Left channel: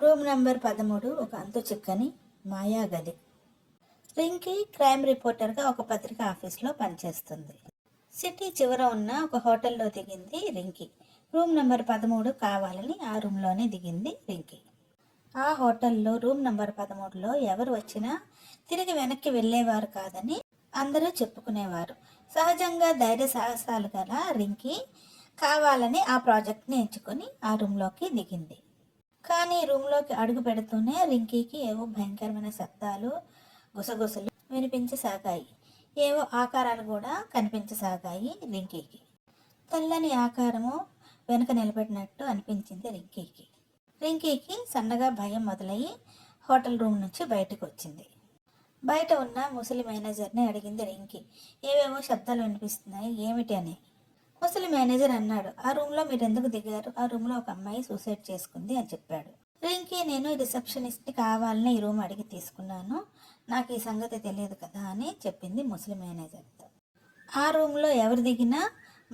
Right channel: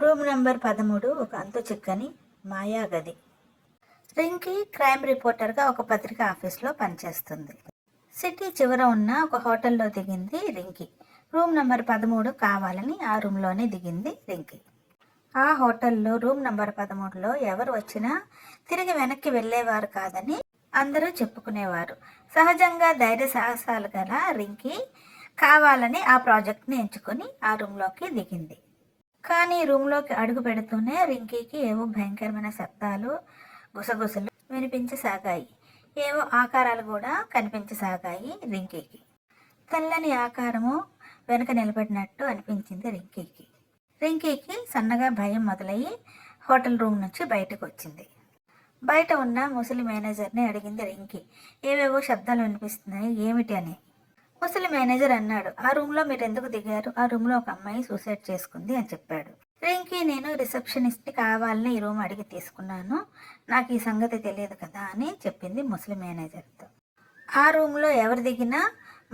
Room number 13 ఒక అంతు చిక్కని మాయా గది. రింకీ క్రైమ్ రిపోర్టర్గా ఒక పత్రిక ఆఫీస్లో పనిచేస్తుంది. సిటీ చివర ఉన్న ఒక హోటల్లో దిగింది రింకీ. రూమ్ నంబర్ 13 కావాలని ఆ రూమ్లోనే దిగింది రింకీ. ఆ హోటల్లో రూమ్ నంబర్ 13లో ఎవరు వచ్చినా తిరిగి వెనక్కి వెళ్ళేవారు కాదని అందరూ చెప్పుకునేవారు. సహజంగా ధైర్య సాహసాలు గల రింకీ కావాలని ఆ ప్రాజెక్ట్ని ఎంచుకొని ఆ రూమ్లోకి దిగింది. కానీ రూమ్లోకి అడుగు పెడుతూనే రింకీకి ఏవో భయంకరమైన శబ్దాలు, గుసగుసలు వినిపించసాగాయి. ఏవో ఆకారాలు కూడా కనిపించసాగాయి రింకీకి. తెల్లని ఆకారము వెనుక నిలబడినట్టు అనిపించింది రింకీకి. రింకీకి సన్నగా భయం మొదలయ్యి హోటల్ రూమ్ నుంచి బయటకు వచ్చింది. బయట ఉన్న ముసలి మేనేజర్ని అడిగింది రింకీ. ఏవేవో శబ్దాలు వినిపిస్తున్నాయి, ఏమిటి అని. ముసలి మేనేజర్ అన్నాడు, ఆ రూమ్లో మీరు ఎందుకు దిగారు? ఆ రూమ్లో ఒక అమ్మాయి సూసైడ్ చేసుకుంది అని చెప్పాడు. రింకీ, నేను రిసెప్షనిస్ట్ని కావాలని ఈ రూమ్ అడిగి తీసుకున్నాను, నాకు ఈ సంగతి తెలియదు కదా అని చెప్పింది ముసలి మేనేజర్తో. ఆ రూమ్లో ఎవరు దిగినా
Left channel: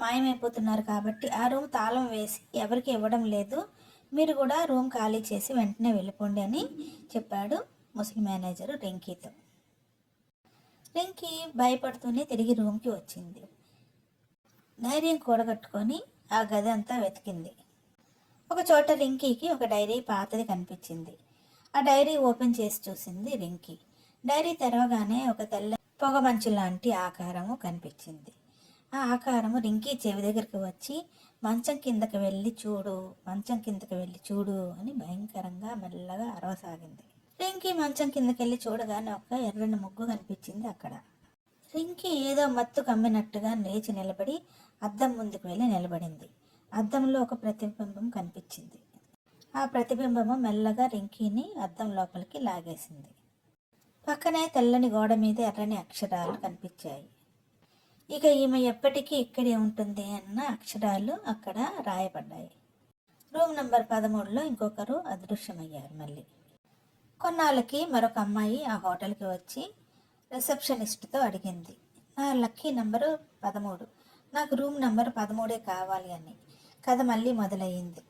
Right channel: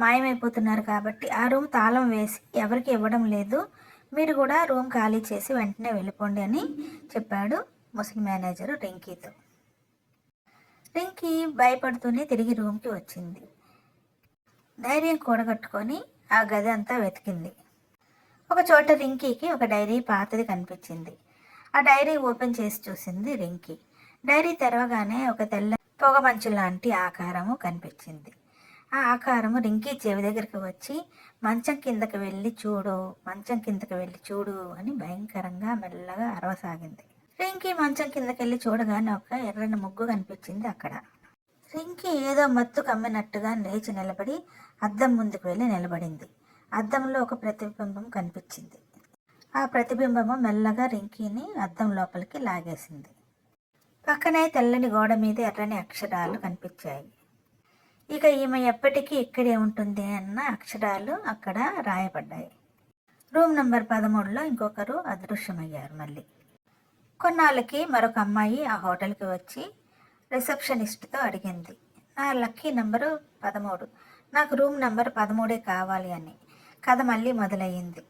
మాయమైపోతున్నారు కాబట్టి ఆ రూమ్ తాళం వేసి ఎవరికి ఇవ్వడం లేదు, మీరు కూడా రూమ్ ఖాళీ చేసి వెంటనే వెళ్ళిపోండి అని చెప్పాడు ముసలి మేనేజరు రింకీతో. రింకీ భయపడుతూనే తిరిగి రూమ్కి వచ్చింది. ధైర్యం కూడగట్టుకొని ఆ గది అంతా వెతికింది. ఒక చోట రింకీకి ఒక డైరీ పాతది కనిపించింది. ఆ డైరీ ఓపెన్ చేసి చూసింది రింకీ. డైరీ తెరవగానే ఒక తెల్ల పొగమంచు లాంటి ఆకారము కనిపించింది. ఆ ఆకారము రింకీ చెవి దగ్గరికి వచ్చి మంచం కిందకి వెళ్ళి చూడు, మంచం కిందకి వెళ్ళి చూడు అని భయంకరంగా మెల్లగా అరవసాగింది. రింకీ మంచం కిందకెళ్ళి చూడగానే ఒక ఎర్రని ముగ్గు కనిపించింది అక్కడ. రింకీ ఏదో మత్తు కమ్మినట్టుగా లేచి నిలబడి అద్దం ముందుకు వెళ్ళి నిలబడింది. అద్దంలో ఒక ప్రతిబింబం కనిపించింది. ఆ ప్రతిబింబము మెల్లగా రింకీని అద్దం లోపలికి లాగేసింది. పక్కనే తెల్లని గోడ మీద ఎర్రని అక్షరాలు కనిపించాయి. ఇక ఈమె ఎప్పటికీ ఇక్కడే ఉంటుంది అన్న అక్షరాలు అక్కడ రాయబడ్డాయి. రూమ్ నంబర్ 13లో ఇంకొకరు అదృశ్యమయ్యారు. మళ్ళీ కొన్నాళ్ళకి మరొక అమ్మాయి ఆ హోటల్కి వచ్చి రిసెప్షనిస్ట్తో అడిగింది, నా లక్కీ నంబరు 13, నాకు రూమ్ నంబర్ 13 కావాలి అని. కథ మళ్ళీ మొదలయ్యింది.